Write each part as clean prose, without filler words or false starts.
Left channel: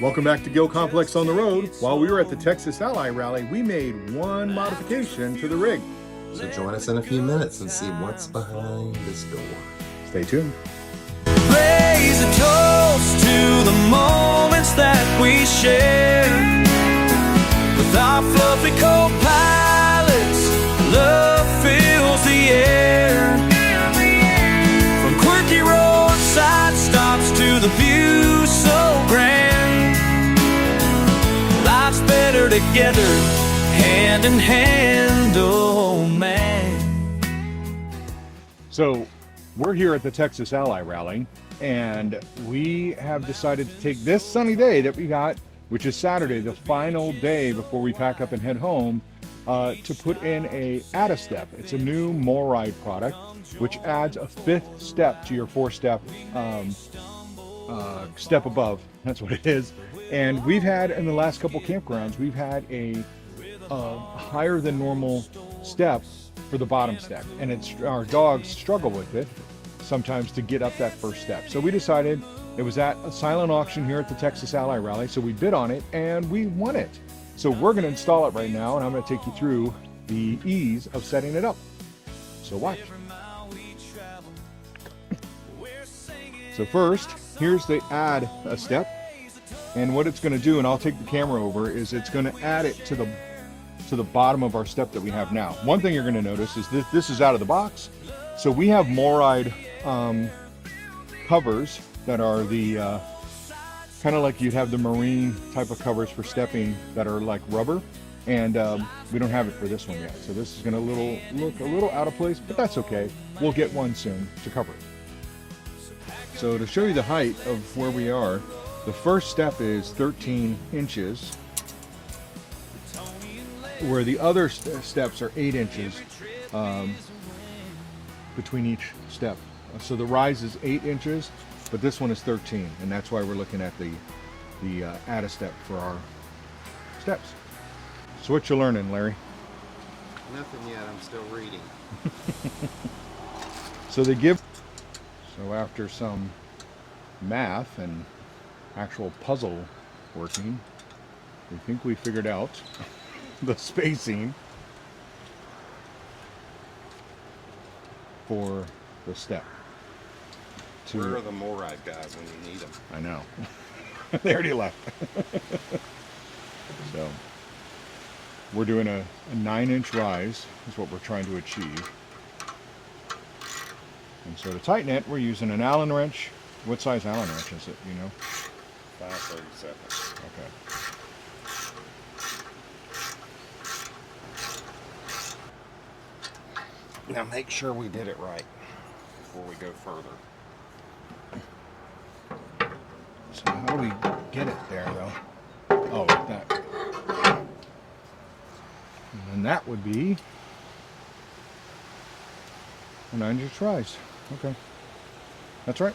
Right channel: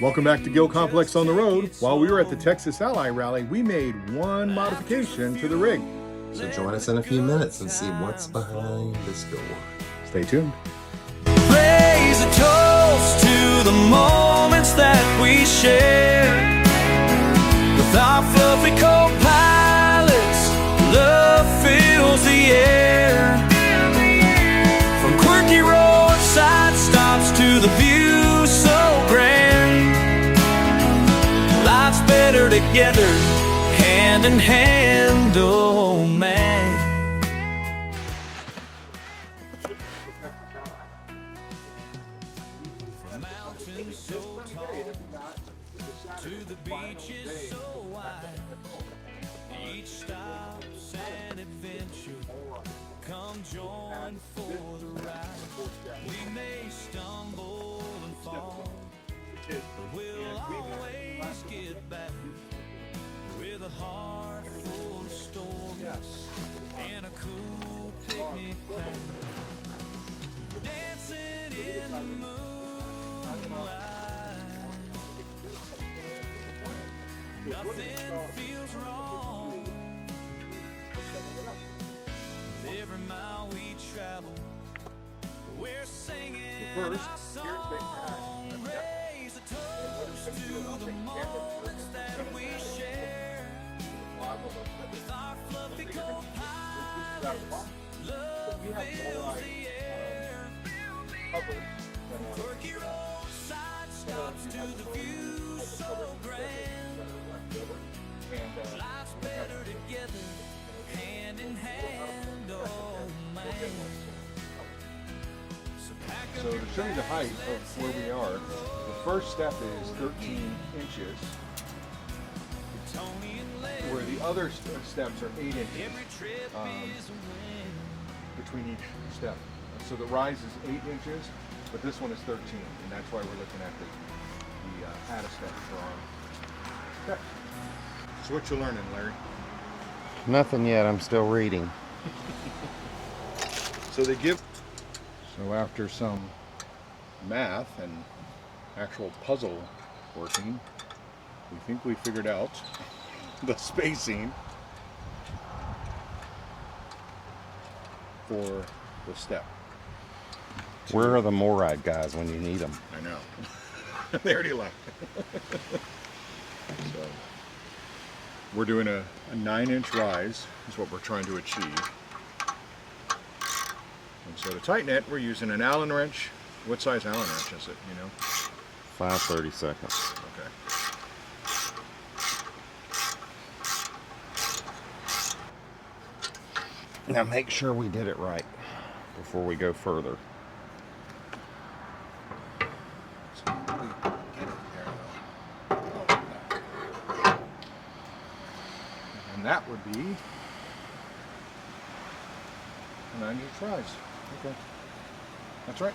Welcome back to GilComPlex on the road. While we were at the Texas Ally Rally, we made one modification to the rig. So join us in a few minutes and see what's behind this door. Stay tuned. Raise a toast to the moments that we share with our fluffy co-pilots. Love fills the air. From quirky roadside stops to the view so grand. Life's better together, hand in hand, oh man. So we're here at the Texas Ally Rally, and we have decided to take this sunny day that we got, which is Saturday, the final day before we pack up and head home, to put in a Add-a-Step. It's a new MORryde product, which adds a 5th step to your 4-step step above. That's what it is. And we've had, in the last couple campgrounds, we've had a higher than normal step for the bottom step, and our dogs struggle with it sometimes to get up that first step. So we decided, it was at a silent auction here at the Texas Ally Rally, so we bid on it and we won it. So we're going to install it right now, and I'm going to take you through the ease of setting it up. So watch. So first, here's the Add-a-Step, and what it's going to do, and I'll take the camera over, is it's going to add it to the bottom of our step that we have now. One thing you're going to notice is this is out of the box. So we have MORryde covers that are the kind of like you'd have the marine type of covers for stepping that are like rubber, and we don't have it for this one yet. So this is going to look a little out of place, but that's okay. We'll get one soon to cover it. So to show you the height of where we are, the first step is 13 inches, where the other steps are 8 inches between each step. So the rise is 8 inches, but this one is 13, and that's why we're looking at the Add-a-Step for our steps. So what you learning, Larry? Nothing yet, I'm still reading. So after some math and actual puzzle working, we think we figured out the spacing for the step. Where are the MORryde guys when you need them? I know. They already left. So we're doing a 9-inch rise is what we're trying to achieve. And so to tighten it, we're using an Allen wrench. What size Allen wrench is it, you know? 5/32. Okay. Now make sure we did it right before we go further. So how do we get it there, though? Oh, like that. And then that would be a 9-inch rise. Okay. That's right.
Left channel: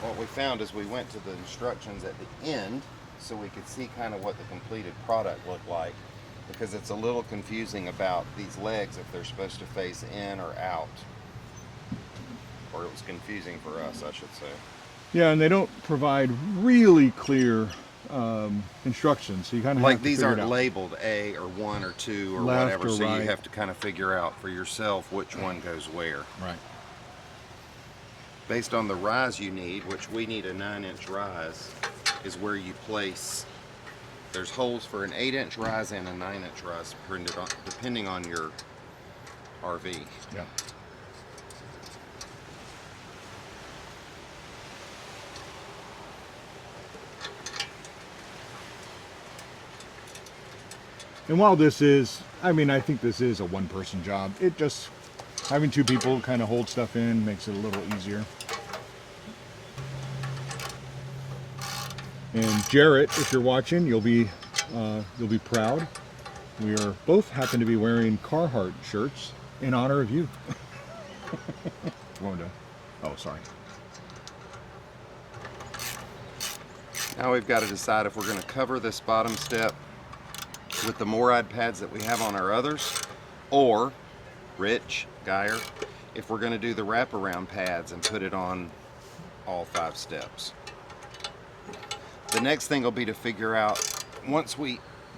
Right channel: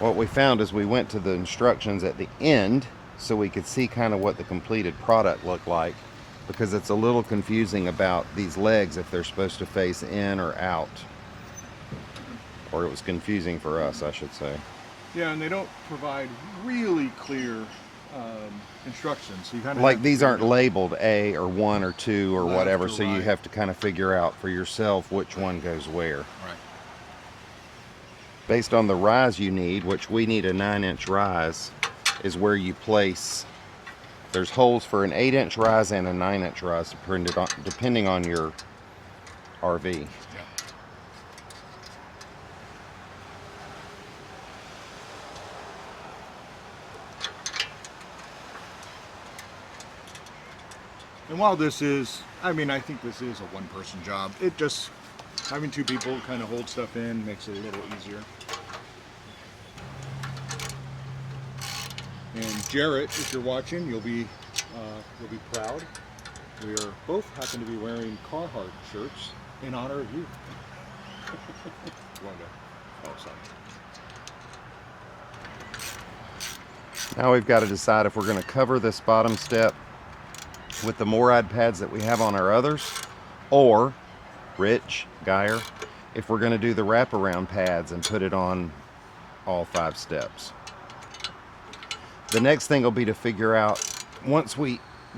What we found is we went to the instructions at the end so we could see kind of what the completed product looked like, because it's a little confusing about these legs if they're supposed to face in or out. Or it was confusing for us, I should say. Yeah, and they don't provide really clear instructions. So you kind of like these aren't labeled A or 1 or 2 or left whatever, or so right. you have to kind of figure out for yourself which one goes where. Right. Based on the rise you need, which we need a 9-inch rise, is where you place. There's holes for an 8-inch rise and a 9-inch rise, depending on your RV. Yeah. And while this is, I mean, I think this is a one-person job. It just, having 2 people kind of hold stuff in makes it a little easier. And Jarrett, if you're watching, you'll be proud. We are both happen to be wearing Carhartt shirts in honor of you. Oh, sorry. Now we've got to decide if we're going to cover this bottom step with the MORryde pads that we have on our others, or Rich, Geyer, if we're going to do the wraparound pads and put it on all 5 steps. The next thing will be to figure out,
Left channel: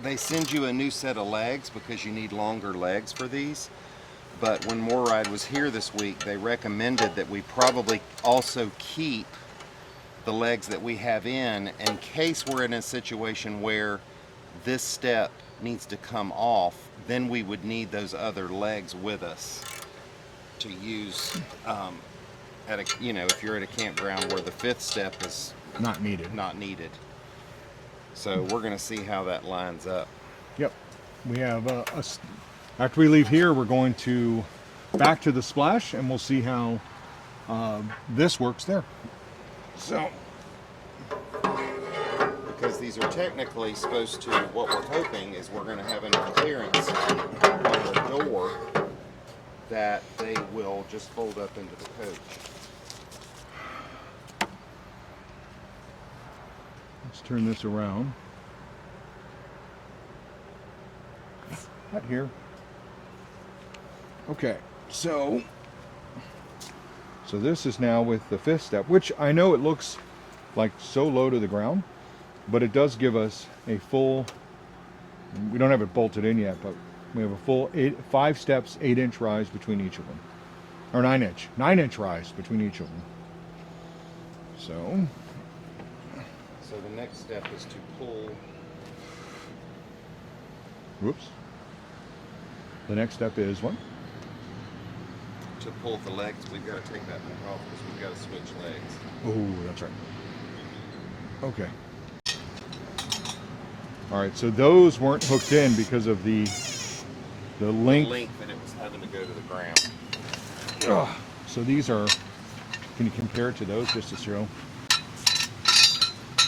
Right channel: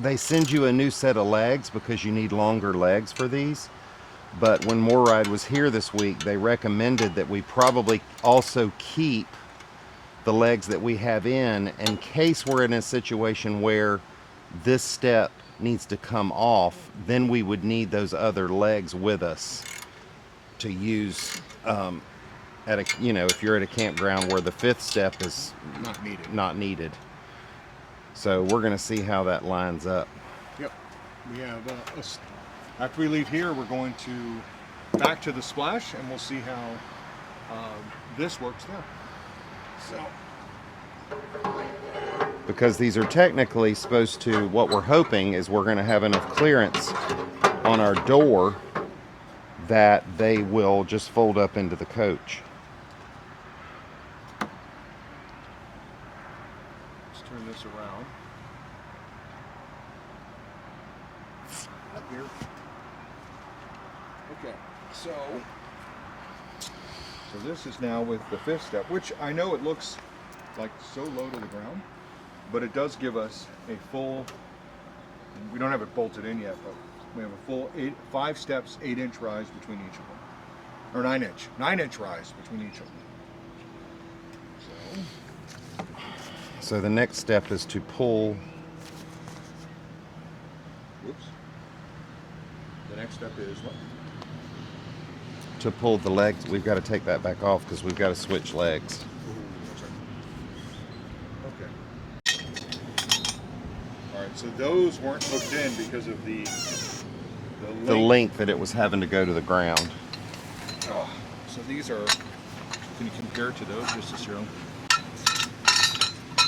they send you a new set of legs because you need longer legs for these. But when MORryde was here this week, they recommended that we probably also keep the legs that we have in case we're in a situation where this step needs to come off. Then we would need those other legs with us to use if you're at a campground where the 5th step is Not needed. So we're going to see how that lines up. Yep. We have after we leave here, we're going to back to the splash, and we'll see how this works there. So, because these are technically supposed to, what we're hoping is we're going to have enough clearance on our door that they will just fold up into the coach. Let's turn this around. Not here. Okay, so this is now with the 5th step, which I know it looks like so low to the ground, but it does give us a full, we don't have it bolted in yet, but we have a full 5 steps, 8-inch rise between each of them. Or 9-inch rise between each of them. So the next step is to pull. Whoops. The next step is what? To pull the legs. We've got to take that back off because we've got to switch legs. Oh, that's right. Okay. All right, so those weren't hooked in because of the length that it was having to go to the ground. Ugh. So these are, can you compare it to those just to show?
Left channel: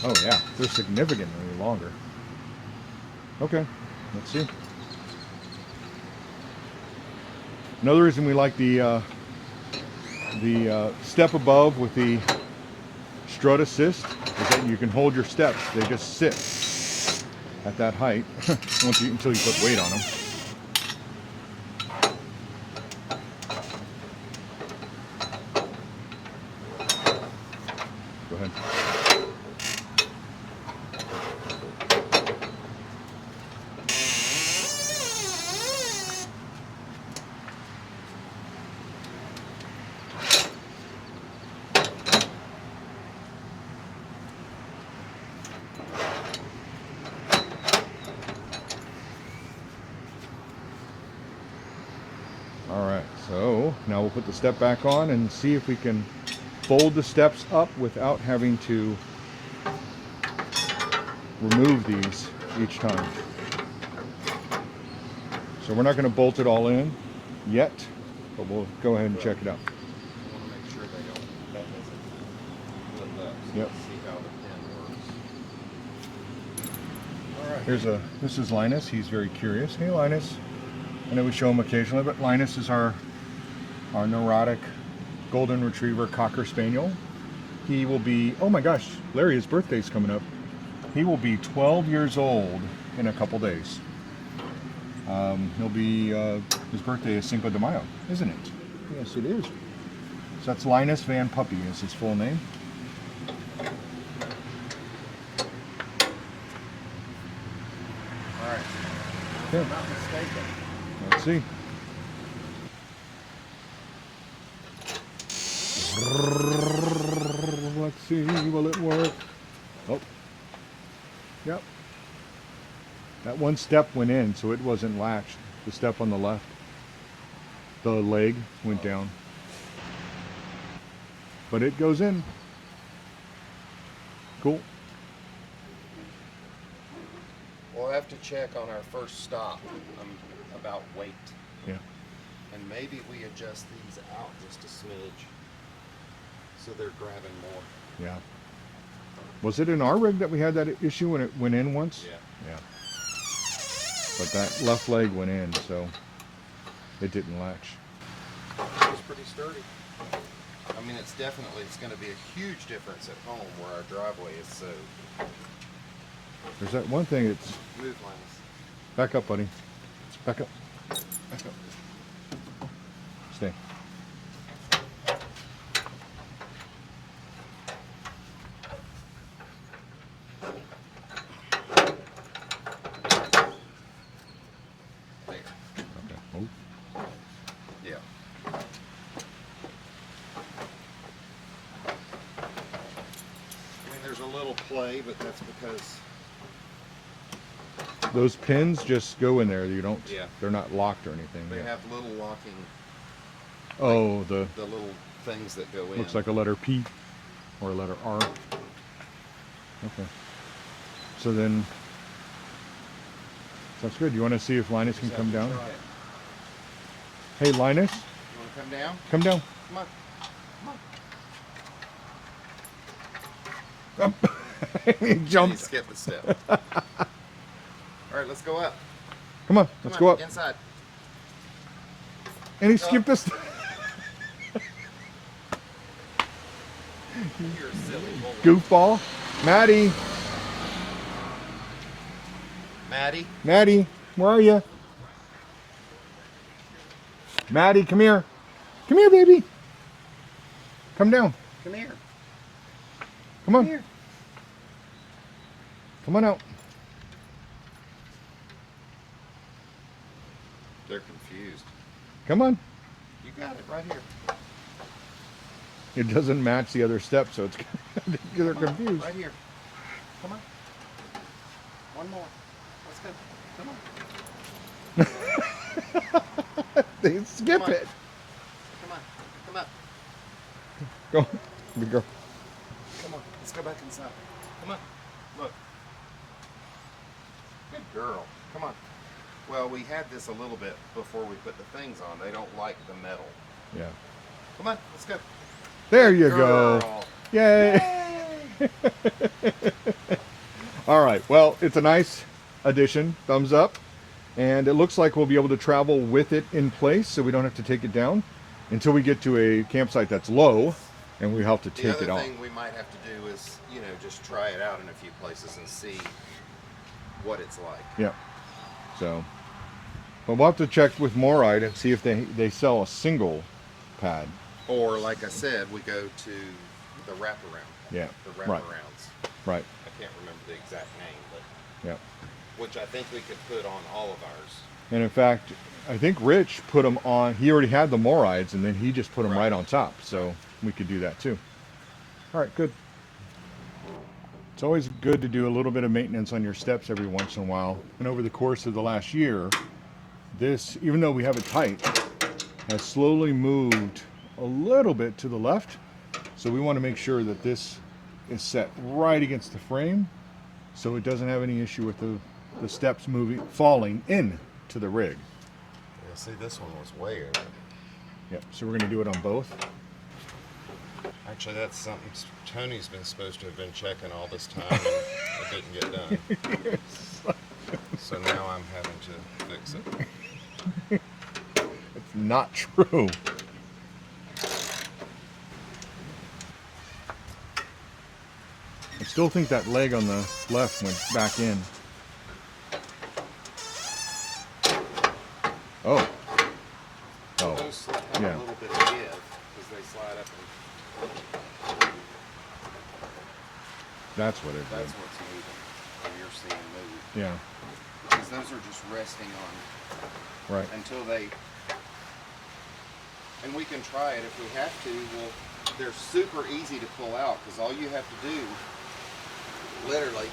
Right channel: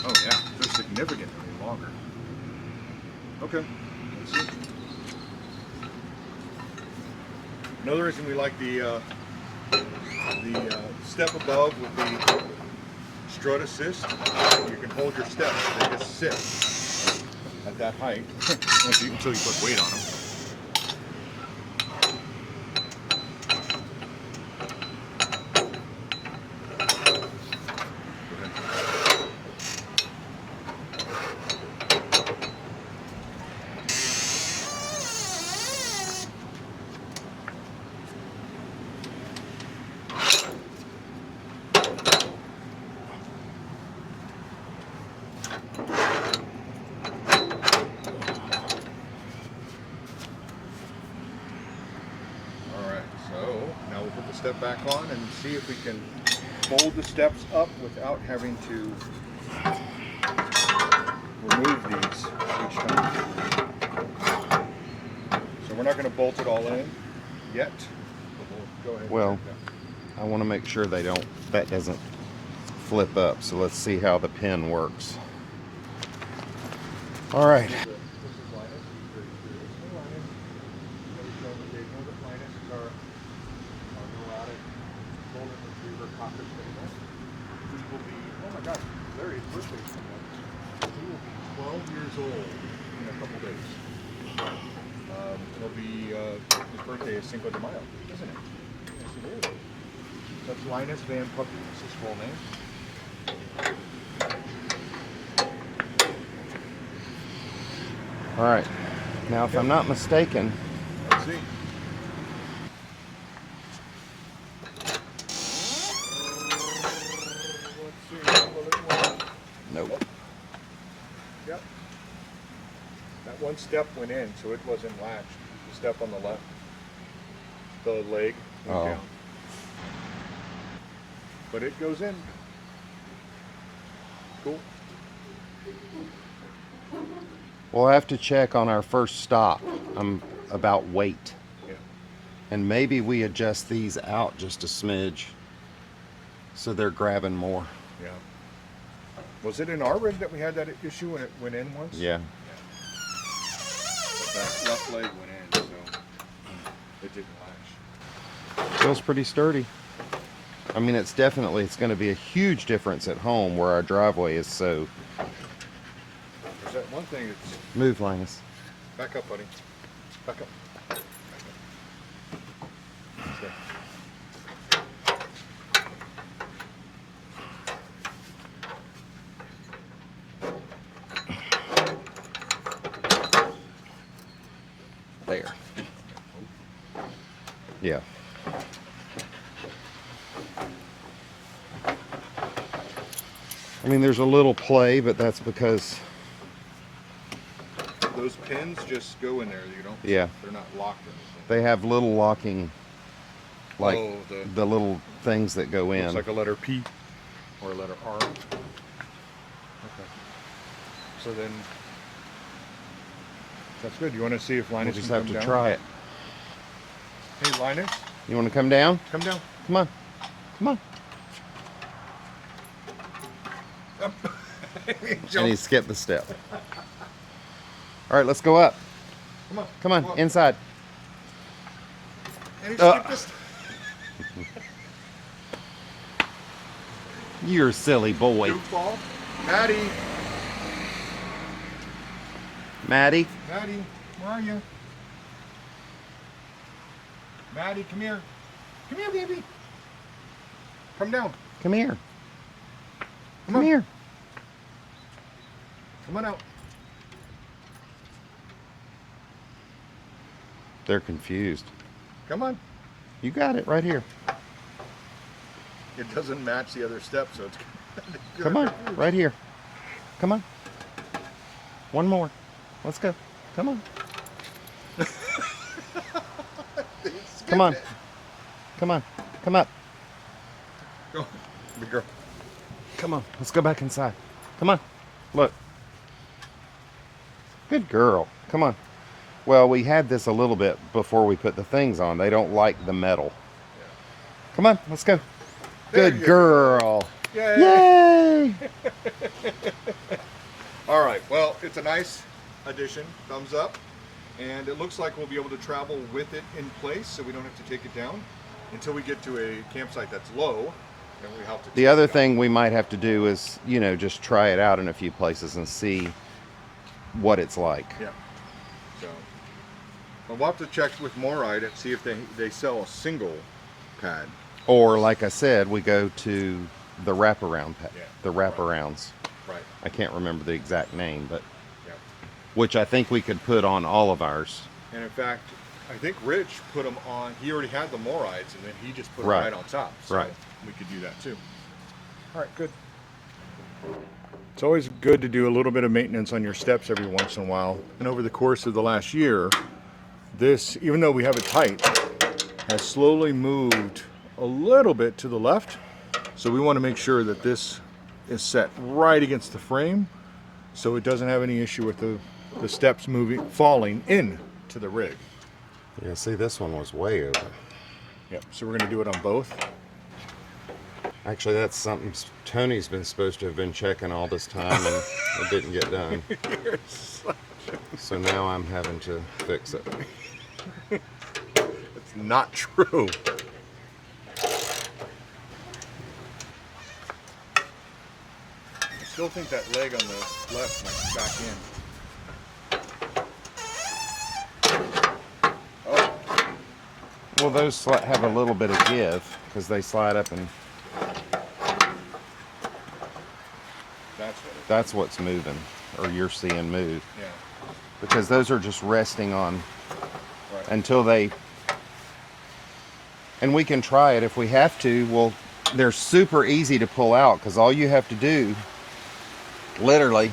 Oh yeah, they're significantly longer. Okay, let's see. Another reason we like the step above with the Strut Assist is that you can hold your steps. They just sit at that height until you put weight on them. Go ahead. So now we'll put the step back on and see if we can fold the steps up without having to remove these each time. So we're not going to bolt it all in yet, but we'll go ahead and check it out. I want to make sure that doesn't flip up. So let's see how the pin works. All right. This is Linus. He's very curious. Hey, Linus. I know we show him occasionally, but Linus is our neurotic golden retriever cocker spaniel. He will be, oh my gosh, Larry, his birthday's coming up. He will be 12 years old in a couple days. He'll be, his birthday is Cinco de Mayo, isn't it? Yes, it is. So that's Linus Van Puppy is his full name. All right. Now, if I'm not mistaken, let's see. Let's see, will it work? Nope. Yep. That one step went in, so it wasn't latched. The step on the left. The leg went down. But it goes in. Cool. We'll have to check on our first stop about weight. Yeah. And maybe we adjust these out just a smidge so they're grabbing more. Yeah. Was it in our rig that we had that issue when it went in once? Yeah. Yeah. But that left leg went in, so it didn't latch. Feels pretty sturdy. I mean, it's going to be a huge difference at home where our driveway is so. There's that one thing that's... Move, Linus. Back up, buddy. Back up. Back up. Stay. I mean, there's a little play, but that's because, Those pins just go in there. You don't. yeah, They're not locked or anything. they have little locking, like Oh, the little things that go in. looks like a letter P or a letter R. Okay. So then, that's good. You want to see if We'll Linus just can have come to down? try it. Hey, Linus, You want to come down? come down. Come on. Come on. He And he jumped. skipped the step. All right, let's go up. Come on. Come let's on, go up. inside. And he skipped this. You're a silly boy. Goofball. Mattie. Mattie. Mattie, where are you? Mattie, come here. Come here, baby. Come down. Come here. Come on. Come here. Come on out. They're confused. Come on. You got it right here. It doesn't match the other step, so it's Come on, confused. right here. Come on. One more. Let's go. Come on. They skip Come on. it. Come on. Come up. Go. Big girl. Come on. Let's go back inside. Come on. Look. Good girl. Come on. Well, we had this a little bit before we put the things on. They don't like the metal. Yeah. Come on. Let's go. There Good you girl. go. Yay. Yay. All right. Well, it's a nice addition. Thumbs up. And it looks like we'll be able to travel with it in place, so we don't have to take it down until we get to a campsite that's low, and we have to take The other it off. thing we might have to do is, you know, just try it out in a few places and see what it's like. Yeah. So, but we'll have to check with MORryde and see if they sell a single pad. Or, like I said, we go to the wraparound pad. Yeah, The right. wraparounds. Right. I can't remember the exact name, but Yeah. which I think we could put on all of ours. And in fact, I think Rich put them on. He already had the MORrydes, and then he just put them Right. right on top. So Right. we could do that too. All right, good. It's always good to do a little bit of maintenance on your steps every once in a while. And over the course of the last year, this, even though we have it tight, has slowly moved a little bit to the left. So we want to make sure that this is set right against the frame, so it doesn't have any issue with the steps falling in to the rig. Yeah, see, this one was way over. Yep, so we're gonna do it on both. Actually, that's something Tony's been supposed to have been checking all this time, and it didn't get done. So now I'm having to fix it. It's not true. I still think that leg on the left went back in. Oh, Well, those have a little bit of give because they slide up, and that's what it is. that's what's moving, or you're seeing move. Yeah, Because those are just resting on right. until they, and we can try it if we have to. Well, they're super easy to pull out because all you have to do, literally,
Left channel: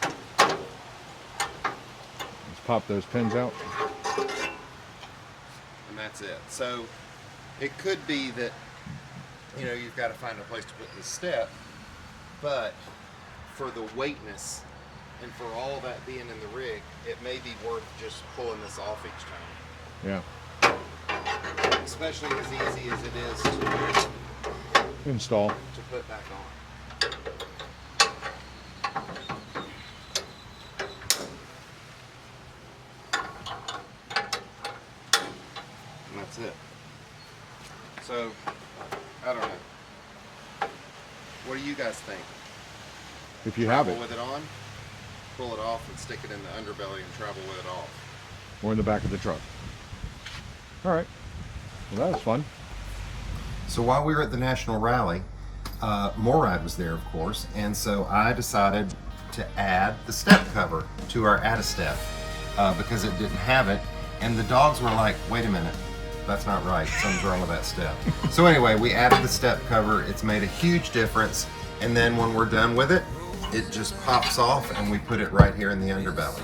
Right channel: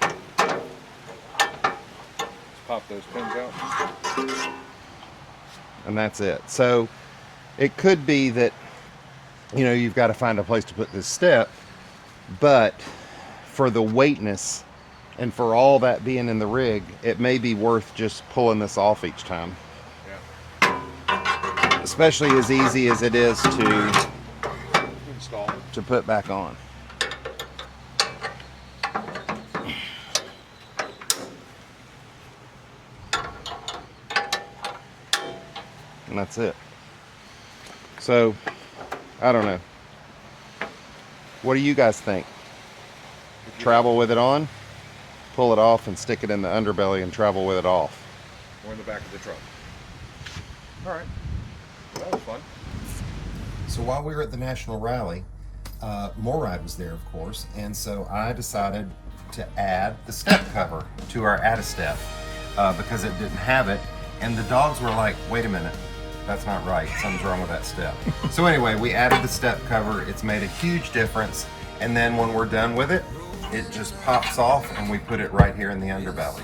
Let's pop those pins out. and that's it. So it could be that, you know, you've got to find a place to put this step, but for the weightness and for all that being in the rig, it may be worth just pulling this off each time. Yeah, Especially as easy as it is to install. put back on. And that's it. So, I don't know. What do you guys think? If you Travel have it, with it on, pull it off, and stick it in the underbelly and travel with it off. or in the back of the truck. All right. Well, that was fun. So while we were at the National Rally, MORryde was there, of course, and so I decided to add the step cover to our Add-a-Step because it didn't have it, and the dogs were like, wait a minute, that's not right, something's wrong with that step. So anyway, we added the step cover. It's made a huge difference. And then when we're done with it, it just pops off and we put it right here in the underbelly.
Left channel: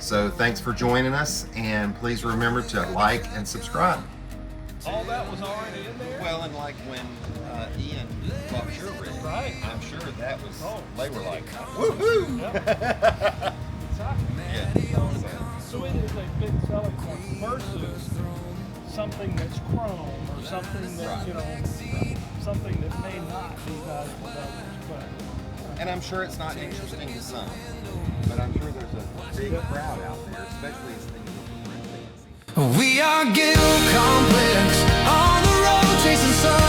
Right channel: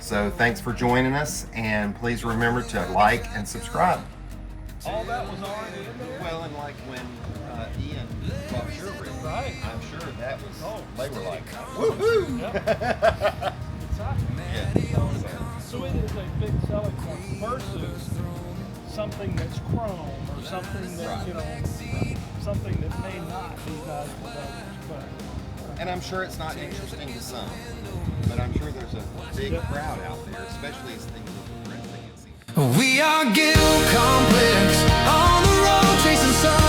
So thanks for joining us, and please remember to like and subscribe. All that was already in there. Well, and like when Ian bought your rig, Right. I'm sure that was, they were like, Woohoo! Exactly. yeah. So it is a big selling point versus something that's chrome or something that, Right. you know, something that may not be valuable to others. But And I'm sure it's not interesting to some, but I'm sure there's a big crowd out there, especially as things look fancy. We are GilComPlex on the road chasing sun.